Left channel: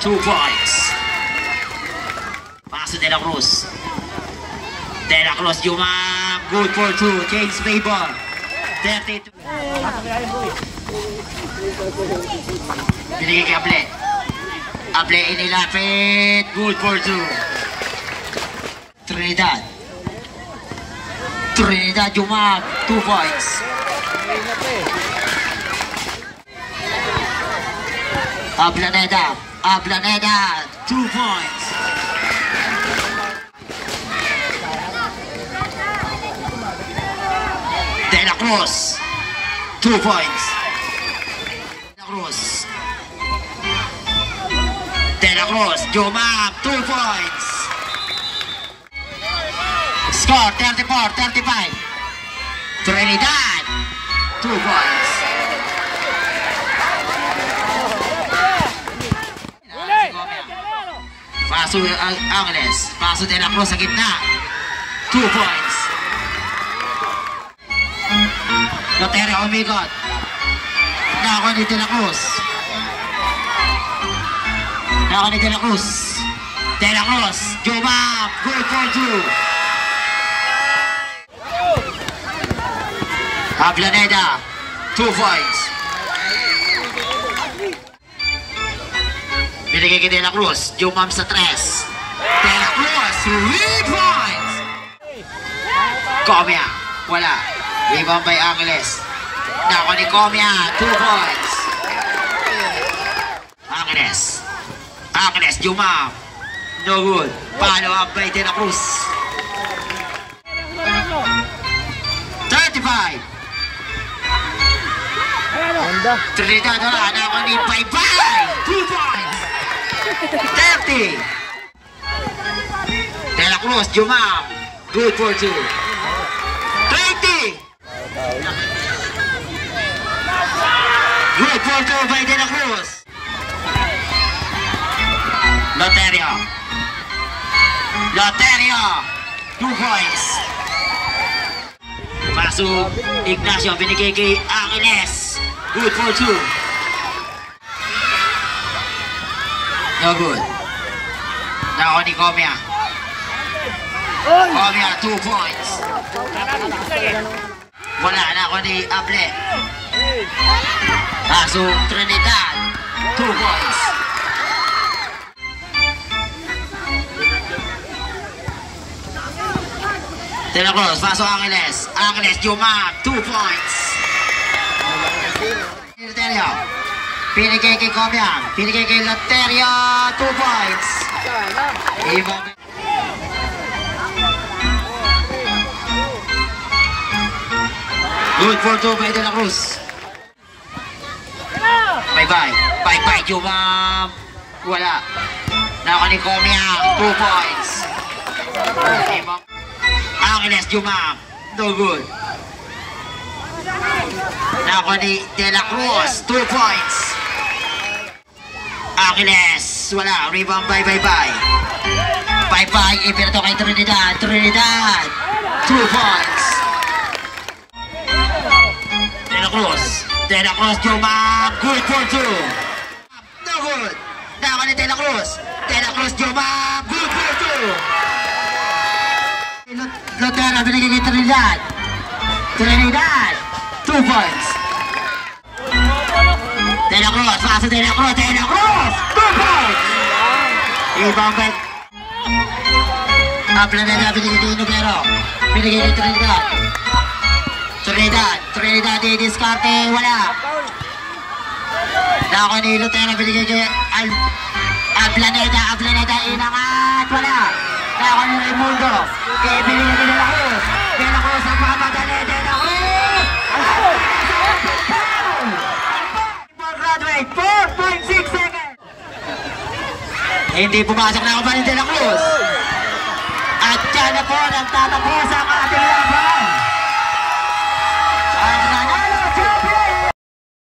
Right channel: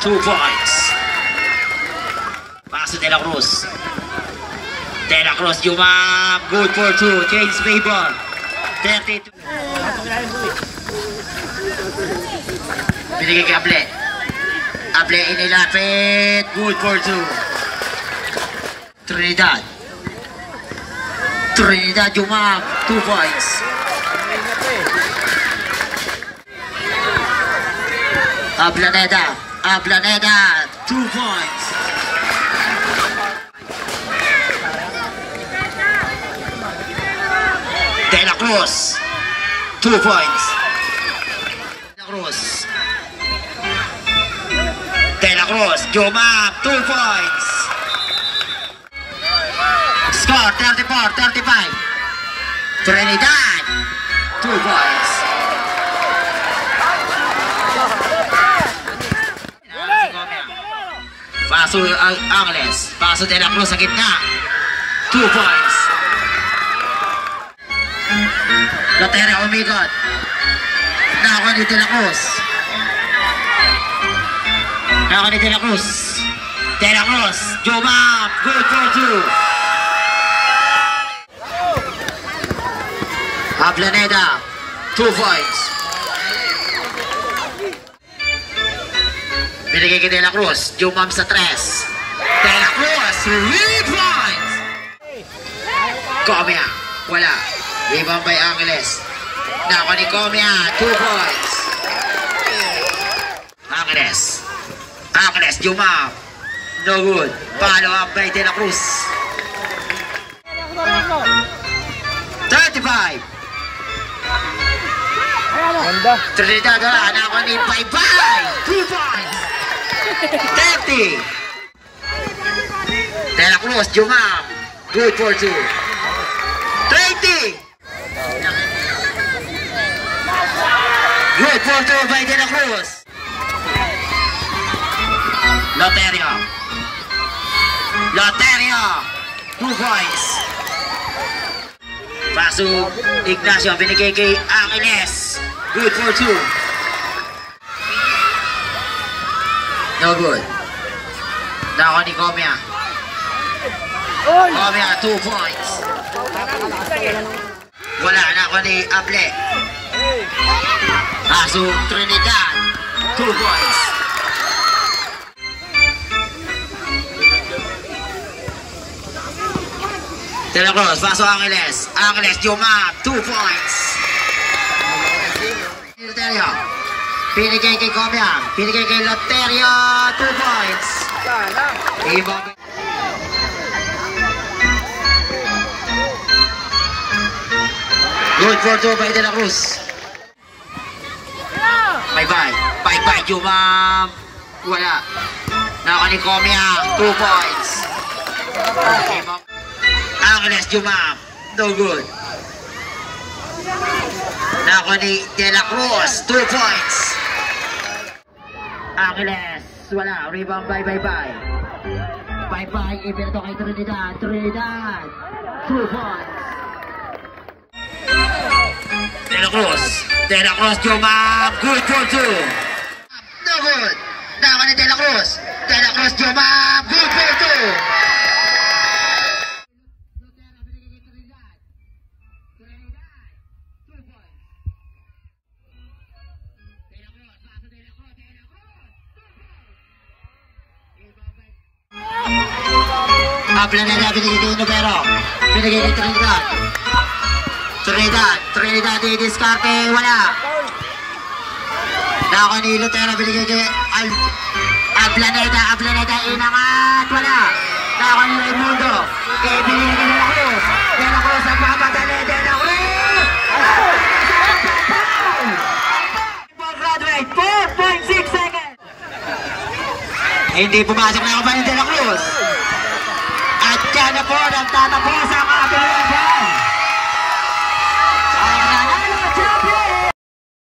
2 points. Paso De La Cruz. De La Cruz, Jumam. Good for 2. Change favor. 32. Binigay kay Able. Able inilapit. Good for 2. Trinidad. Trinidad, Jumam. 2 points. Ablaneda. Ablaneda. 2 points. De La Cruz, 2 points. De La Cruz. De La Cruz, Jumam, 2 points. Score 34-35. Trinidad, 2 points. Paso Angeles. Paso De La Cruz sa gitna. 2 points. Loteria umikot. Nako ni De La Cruz. Nako ni De La Cruz. De La Cruz. Jumam. Good for 2. Ablaneda. 2 points. Binigay kay De La Cruz. Jumam sa 3. De La Cruz. 3 points. Comia. Wala. Rebound by Angeles. Nako ni Comia. 2 points. Angeles. Angeles. Jumam. No good. Follow up by De La Cruz. 35. Trinidad wala. Nako ni Bye-Bye. 2 points. 30. De La Cruz, Jumam. Good for 2. 20. Good for 2 by De La Cruz. Loteria. Loteria. 2 points. Paso Ignacio. Binigay kay Angeles. Good for 2. No good. Nako ni Comia. Comia, 2 points. Wala na ako ni Able. Paso Trinidad. 2 points. De La Cruz, paso Angeles. Angeles, Jumam. 2 points. Loteria. Pinigay kay Comia. Pinigay kay Loteria. 2 points. Ibang good for 2 by De La Cruz. Bye-bye. Bye-bye, Jumam. Wala. Nako ni Comia. 2 points. Angeles, Jumam. No good. Nako ni De La Cruz. 2 points. Angeles. Wala. Rebound by Bye-bye. Bye-bye. Ipinato kay Trinidad. Trinidad. 2 points. De La Cruz. De La Cruz, Jumam. Good for 2. No good. Nako ni De La Cruz. De La Cruz, Jumam. Good for 2. Loteria. Binigay kay Trinidad. Trinidad. 2 points. De La Cruz. Paso De La Cruz. De La Cruz. 2 points. Ibang bet. Ablaneda. Binigay kay Nubero. Binigay kay Trinidad. Trinidad. Trinidad. Didiskarte. Wala. Nako ni Loteria. Binigay kay Ablaneda. Ablaneda. Inangat. Wala. Nako ni Raimundo. Kaya binigay kay De La Cruz. De La Cruz. Nagmamadali. De La Cruz. Graduate. 4.6 seconds. Hindi pumasok na ako ba ni De La Cruz. At yan na po. Nagtatapos ang ating